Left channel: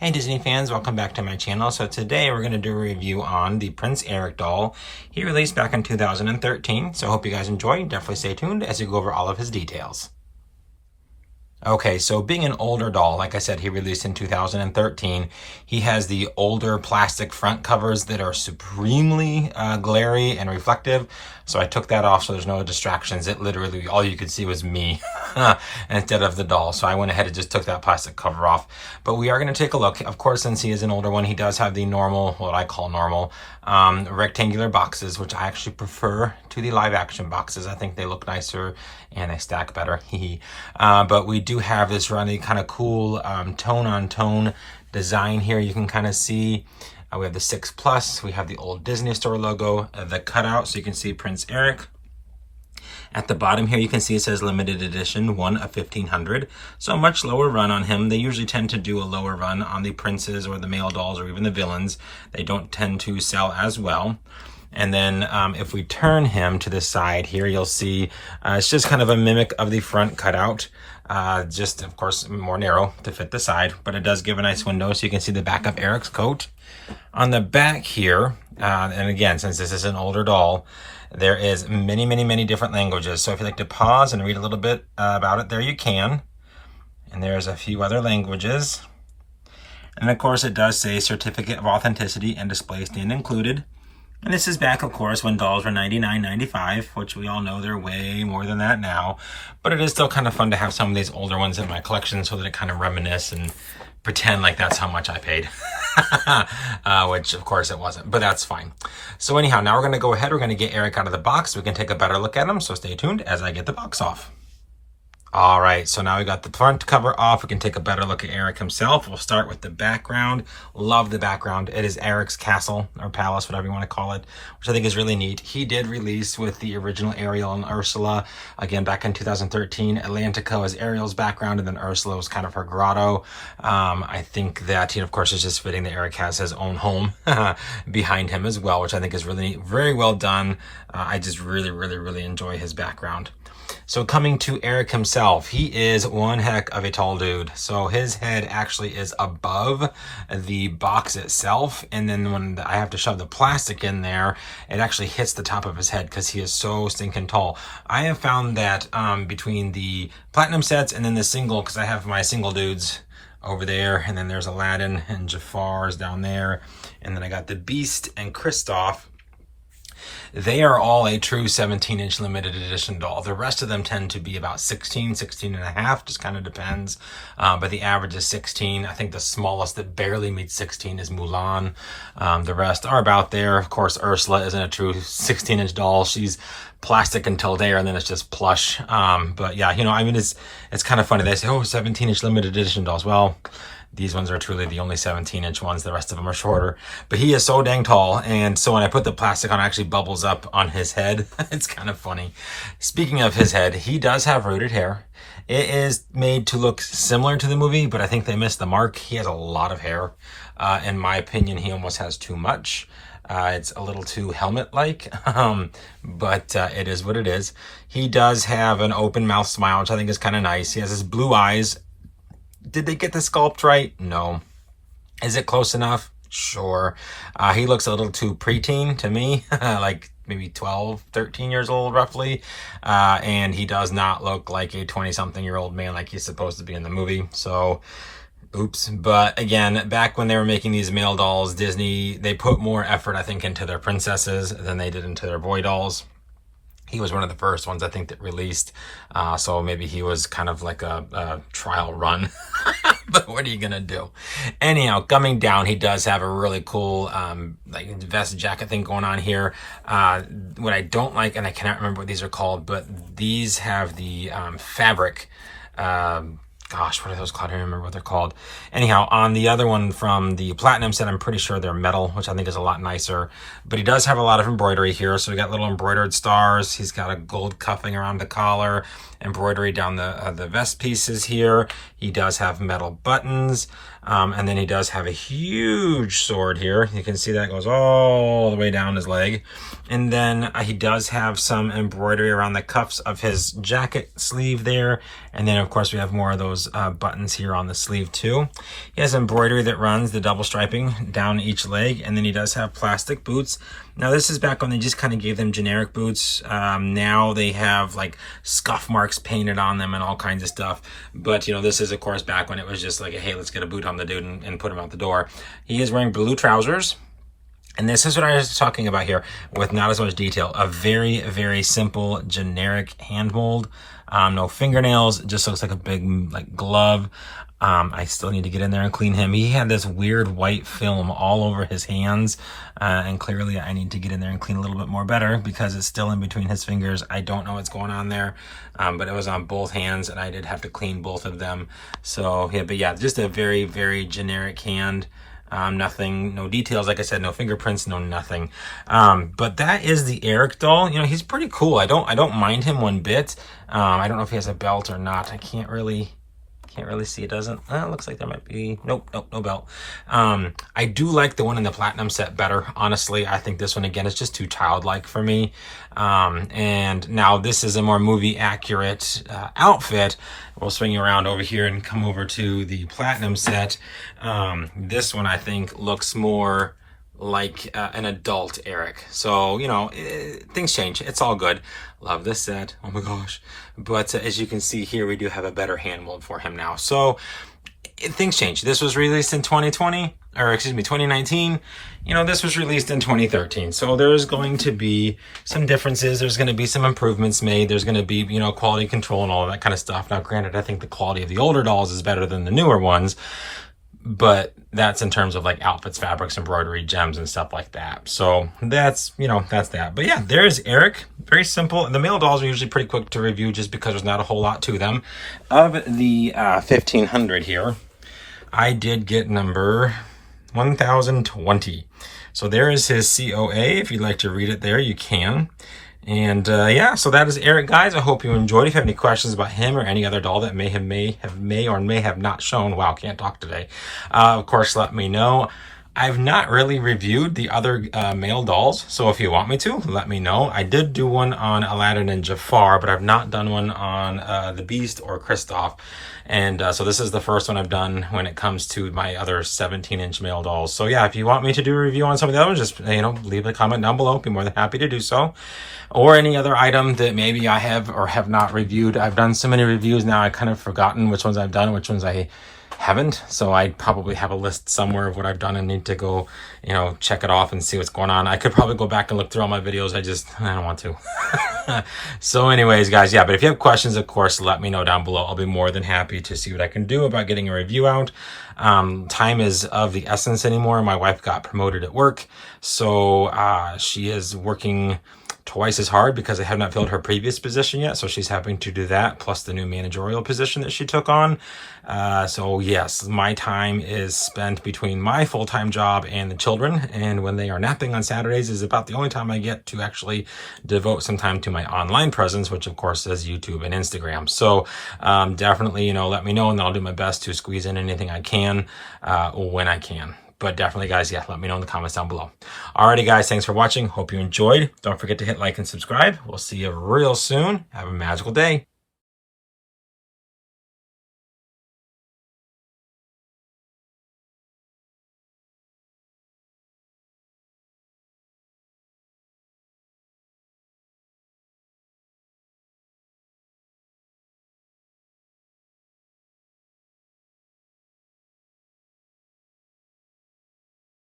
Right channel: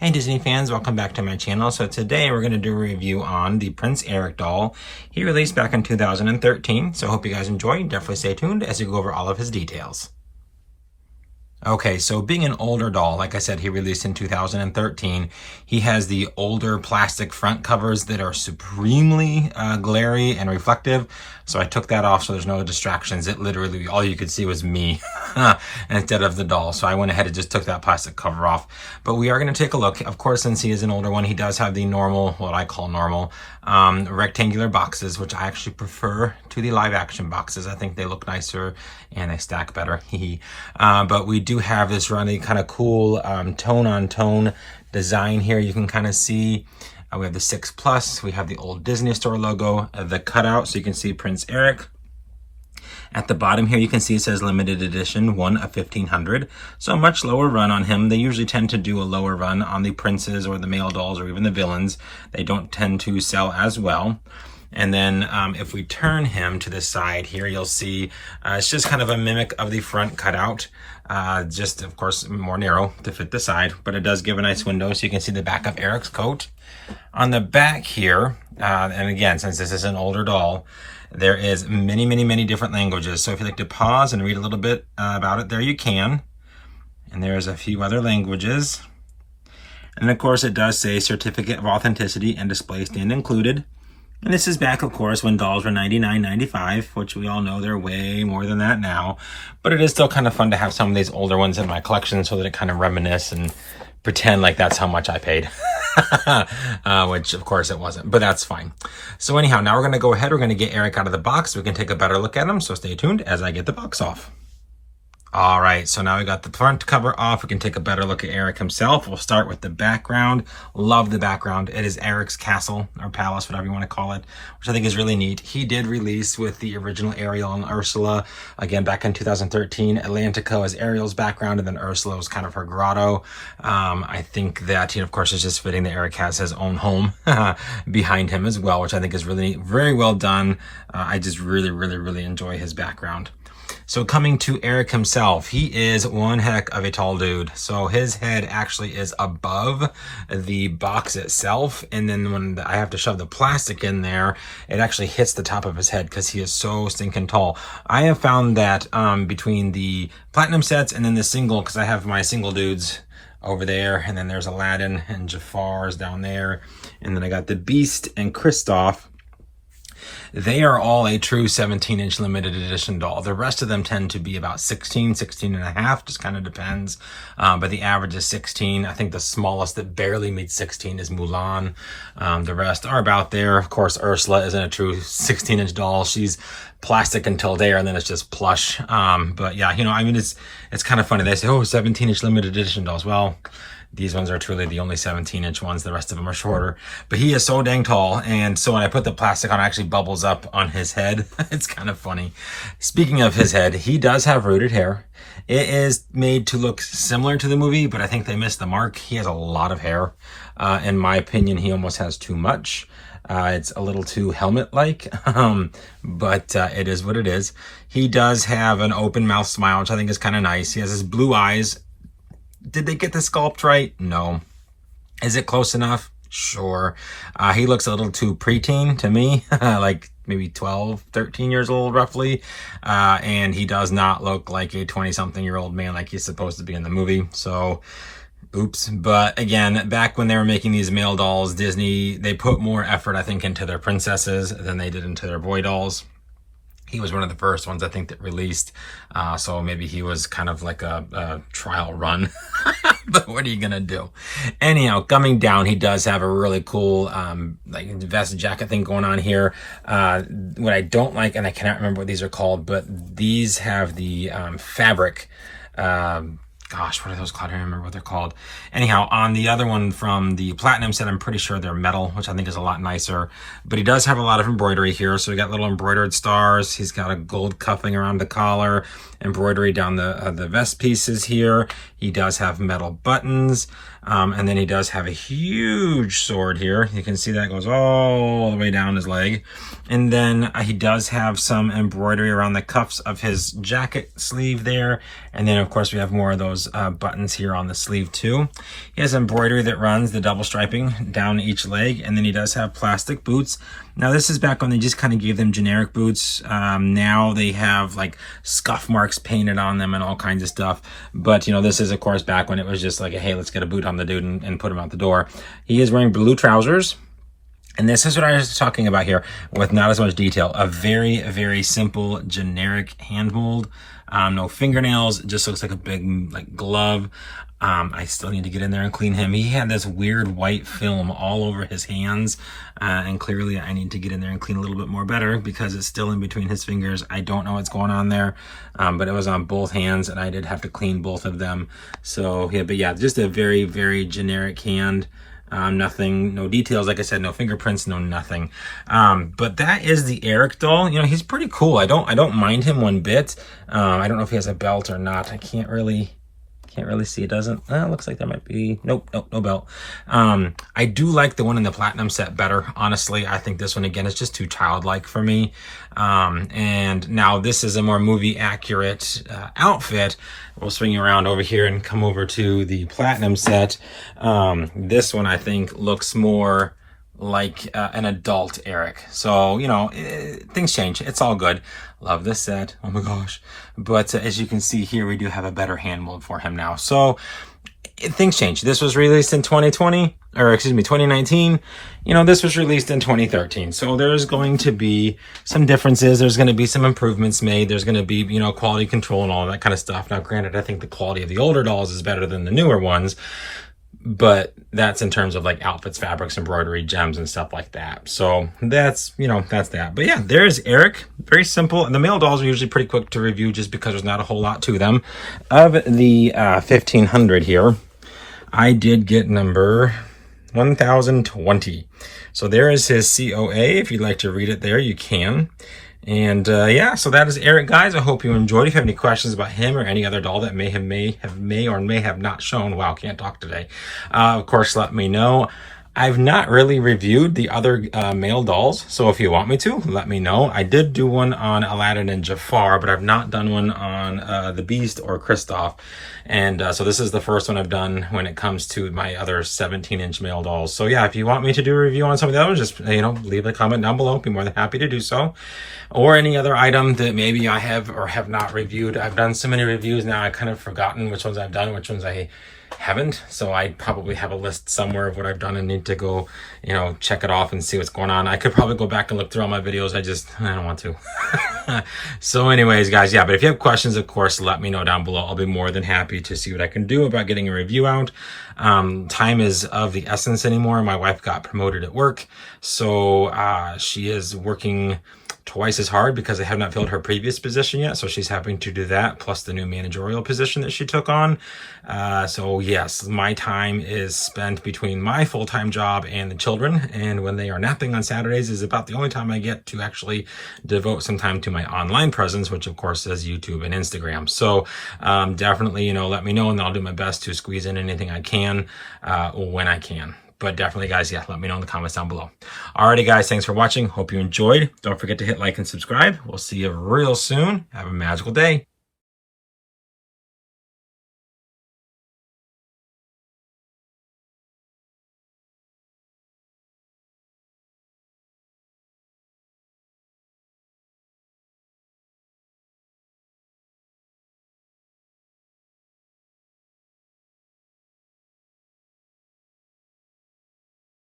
Hey Disney fans, welcome back to my channel. So today we're going to do a review on the Prince Eric doll. He released back in 2013, so I hope you guys enjoy. Definitely stay tuned as we go over all of his details. Okay, so being an older doll, like I said, he released in 2013. He has the older plastic front covers that are supremely glary and reflective. So I took that off so there's no distractions. It literally, all you could see was me instead of the doll. So I went ahead and just took that plastic cover off. But we are going to take a look. Of course, since he is an older one, he does have the normal, what I call normal, rectangular boxes, which I actually prefer to the live action boxes. I think they look nicer and they stack better. But we do have this really kind of cool tone on tone design here. You can kind of see we have the 6+, we have the old Disney Store logo, the cutout, so you can see Prince Eric. At the bottom here, you can see it says limited edition, 1 of 1,500. So a much lower run on him. They usually tend to do a lower run on the princes or the male dolls or even the villains. They don't tend to sell as well. And then if we turn him to the side here, you'll see it's just kind of a mimic of the front cutout. Just, of course, more narrow to fit the side, but it does give a nice window so you can see the back of Eric's coat. On the back here, and again, since this is an older doll, there is many different languages. So if you'd like to pause and read a little bit about it, there you can. And there's a few other languages. And of course, it does say certificate of authenticity and display stand included. And this is back, of course, when dolls were $99.95, which we all know they're way more than that now. But it is still kind of fun to have some of these older ones in my collection so that it kind of reminisce and pretend like that's how much I paid. Which, of course, it wasn't, but that's fine. So anyhow, now we're going to go ahead. We're going to get Eric out of the box. We can take a better look at him, so stay tuned as I get the box off. All right, so now we got the front cover off. We can take a better look at Eric himself. We'll start with the background. Love the background. It is Eric's castle or palace, whatever you want to call it, which I think is really neat. He did release with the original Ariel and Ursula, again, back in 2013. Atlantica is Ariel's background, and then Ursula was kind of her grotto. I think that, of course, it's just fitting that Eric has his own home behind him as well, which I think is really very well done. I just really enjoy his background. So coming to Eric himself, he is one heck of a tall dude. So his head actually is above the box itself. And then when I have to shove the plastic in there, it actually hits the top of his head because he is so stinking tall. I have found that between the platinum sets and then the single, because I have my single dudes over there, and then there's Aladdin and Jafar's down there. And then I got the Beast and Kristoff. They are all a true 17-inch limited edition doll. The rest of them tend to be about 16 and a half, just kind of depends. But the average is 16. I think the smallest that barely meets 16 is Mulan. The rest are about there. Of course, Ursula isn't a true 16-inch doll. She's plastic until there, and then it's just plush. But yeah, I mean, it's kind of funny. They say, oh, 17-inch limited edition dolls. Well, these ones are truly the only 17-inch ones. The rest of them are shorter. But he is so dang tall. And so when I put the plastic on, it actually bubbles up on his head. It's kind of funny. Speaking of his head, he does have rooted hair. It is made to look similar to the movie, but I think they missed the mark. He has a lot of hair. In my opinion, he almost has too much. It's a little too helmet-like, but it is what it is. He does have an open mouth smile, which I think is kind of nice. He has his blue eyes. Did they get the sculpt right? No. Is it close enough? Sure. He looks a little too preteen to me, like maybe 12, 13 years old roughly. And he does not look like a 20-something-year-old man like he's supposed to be in the movie. So, oops. But again, back when they were making these male dolls, Disney, they put more effort, I think, into their princesses than they did into their boy dolls. He was one of the first ones, I think, that released. So maybe he was kind of like a trial run. But what are you going to do? Anyhow, coming down, he does have a really cool like vest jacket thing going on here. What I don't like, and I cannot remember what these are called, but these have the fabric. Gosh, what are those called? I don't remember what they're called. Anyhow, on the other one from the platinum set, I'm pretty sure they're metal, which I think is a lot nicer. But he does have a lot of embroidery here. So we got little embroidered stars. He's got a gold cuffing around the collar, embroidery down the vest pieces here. He does have metal buttons. And then he does have a huge sword here. You can see that goes all the way down his leg. And then he does have some embroidery around the cuffs of his jacket sleeve there. And then, of course, we have more of those buttons here on the sleeve, too. He has embroidery that runs the double striping down each leg. And then he does have plastic boots. Now, this is back when they just kind of gave them generic boots. Now they have, like, scuff marks painted on them and all kinds of stuff. But, you know, this is, of course, back when it was just like, hey, let's get a boot on the dude and put him out the door. He is wearing blue trousers. And this is what I was talking about here with not as much detail. A very, very simple, generic hand mold. No fingernails. It just looks like a big like glove. I still need to get in there and clean him. He had this weird white film all over his hands. And clearly I need to get in there and clean a little bit more better because it's still in between his fingers. I don't know what's going on there. But it was on both hands and I did have to clean both of them. So yeah, but yeah, just a very, very generic hand. Nothing, no details, like I said, no fingerprints, no nothing. But that is the Eric doll. You know, he's pretty cool. I don't mind him one bit. I don't know if he has a belt or not. I can't really see. It doesn't. It looks like there might be. Nope, no belt. I do like the one in the platinum set better. Honestly, I think this one again is just too childlike for me. And now this is a more movie accurate outfit. We'll swing you around over here and come over to the platinum set. This one I think looks more like an adult Eric. So, you know, things change. It's all good. Love this set. Oh my gosh. But as you can see here, we do have a better hand mold for him now. So things change. This was released in 2019. You know, this was released in 2013. So there's going to be some differences. There's going to be some improvements made. There's going to be, you know, quality control and all that kind of stuff. Now, granted, I think the quality of the older dolls is better than the newer ones, but that's in terms of like outfits, fabrics, embroidery, gems, and stuff like that. So that's, you know, that's that. But yeah, there's Eric. Very simple. And the male dolls are usually pretty quick to review just because there's not a whole lot to them. Of the 1500 here, I did get number 1020. So there is his COA. If you'd like to read it there, you can. And yeah, so that is Eric, guys. I hope you enjoyed. If you have any questions about him or any other doll that may have not shown, wow, can't talk today, of course, let me know. I've not really reviewed the other male dolls, so if you want me to, let me know. I did do one on Aladdin and Jafar, but I've not done one on the Beast or Kristoff. And so this is the first one I've done when it comes to my other 17-inch male dolls. So yeah, if you want me to do a review on some of those, just, you know, leave a comment down below. Be more than happy to do so. Or any other item that maybe I have or have not reviewed. I've done so many reviews now, I've kind of forgotten which ones I've done, which ones I haven't. So I probably have a list somewhere of what I've done and need to go, you know, check it off and see what's going on. I could probably go back and look through all my videos. I don't want to. So anyways, guys, yeah, but if you have questions, of course, let me know down below. I'll be more than happy to see what I can do about getting a review out. Time is of the essence anymore. My wife got promoted at work. So she is working twice as hard because I have not filled her previous position yet. So she's having to do that, plus the new managerial position that she took on. So yes, my time is spent between my full-time job and the children. And when they are napping on Saturdays is about the only time I get to actually devote some time to my online presence, which of course is YouTube and Instagram. So definitely, you know, let me know and I'll do my best to squeeze in anything I can when I can. But definitely, guys, yeah, let me know in the comments down below. Alrighty, guys, thanks for watching. Hope you enjoyed. Don't forget to hit like and subscribe. We'll see you real soon. Have a magical day.